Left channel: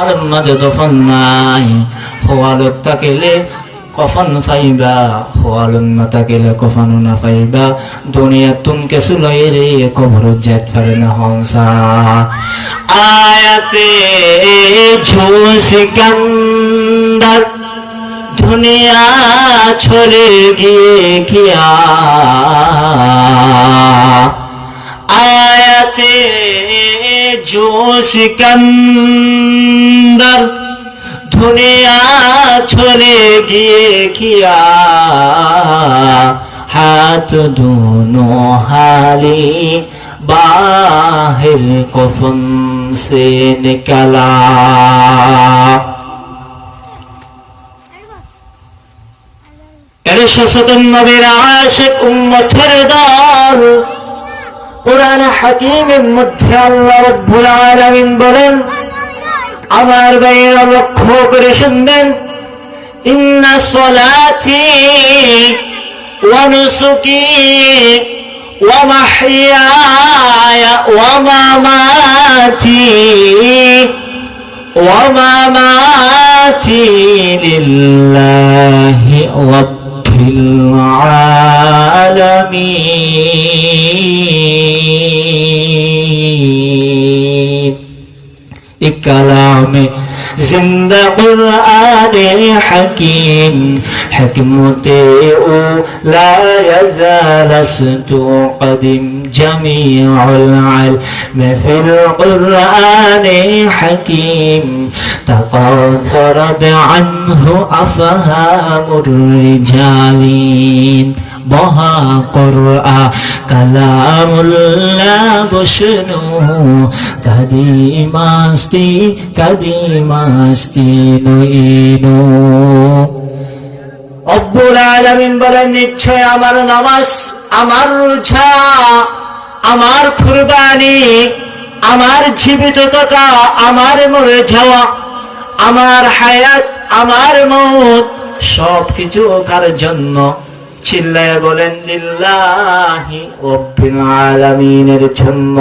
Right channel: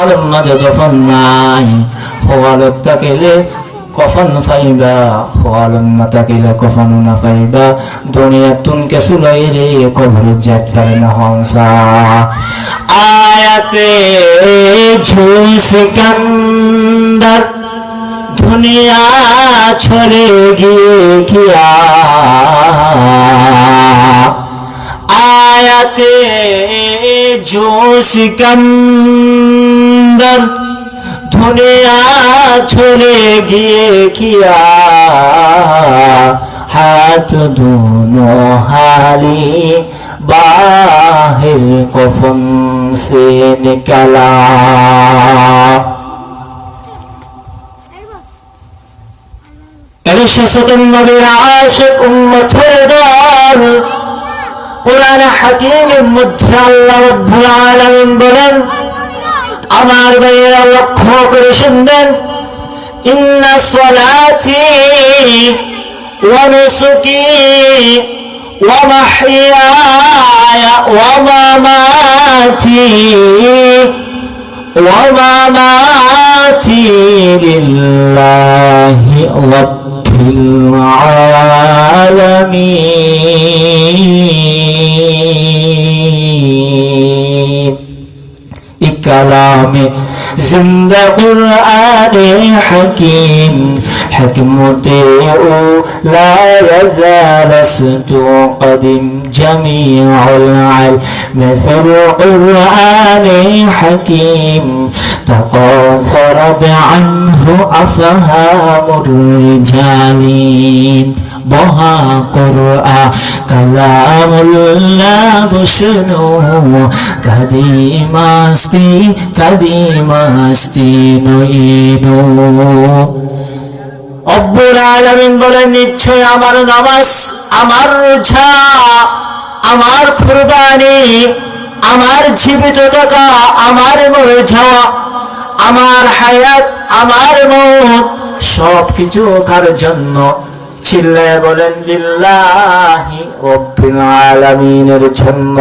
আলম মাঝে দফন নাই খোয়ালক তাকেলে কফন ফাইবা খোয়ালম না তাকেলে কফন না ফাইবা দুনিয়া তুন কেসু লাইরে কবর জাত ফারে নহংসা আয়াতে ঝুসিকান্দার দুনিয়া ছোড়ে গিয়ে কিয়া आयते जो सिकंदर दुनिया छोड़े गिए किया हाथ दोनों हाली बाहर कफन से निकला इरशाद नबी आशिक उम्मतेर दार कुरान हकीमेर मध्य आल्लाह रब्बुल आलामीन बोलेन आमार भाईरा लक्ष्य करे शुनबेन इन्ना सलाती वा नुसुकी वा महयाया वा मामाती लिल्लाहि रब्बिल आलामीन कलामे जिंदा कुरान हकीम हिकमते ला यज़ाल सतु कदीम जमीउल इल्म फिल कुरान हकीम तक़ाफ़रत अन्हु अफ़हामुर रिजालिन बहा कुरआ कलामुल्लाह बशनु कदीमास्ती नुइनु रब्बुल आलामीन बोलेन निश्चय আমার নামাজ আমার রোজা আমার কুরবানি আমার জীবিততা আমার মরে যাওয়া আমার হায়াত আমার মওত সবকিছু কার জন্য চিল্লে বলেন লিল্লাহি রব্বিল আলামিনের জন্য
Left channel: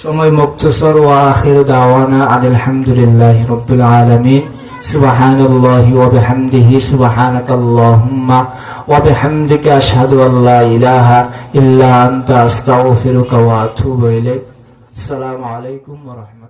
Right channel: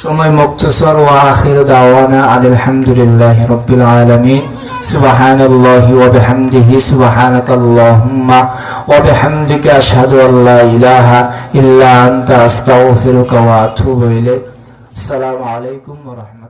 সময় মুক্তসর ওয়া আখির দাওয়ানা আলহামদুলিল্লাহি রাব্বিল আলামিন সুবহানাল্লাহি ওয়া বিহামদিহি সুবহানাকাল্লাহুম্মা ওয়া বিহামদিকা আশহাদু আল্লা ইলাহা ইল্লা আনতা আস্তাগফিরুকা ওয়া আতুবু ইলাইক আসসালামু আলাইকুম ওয়া রাহমাতুল্লাহ।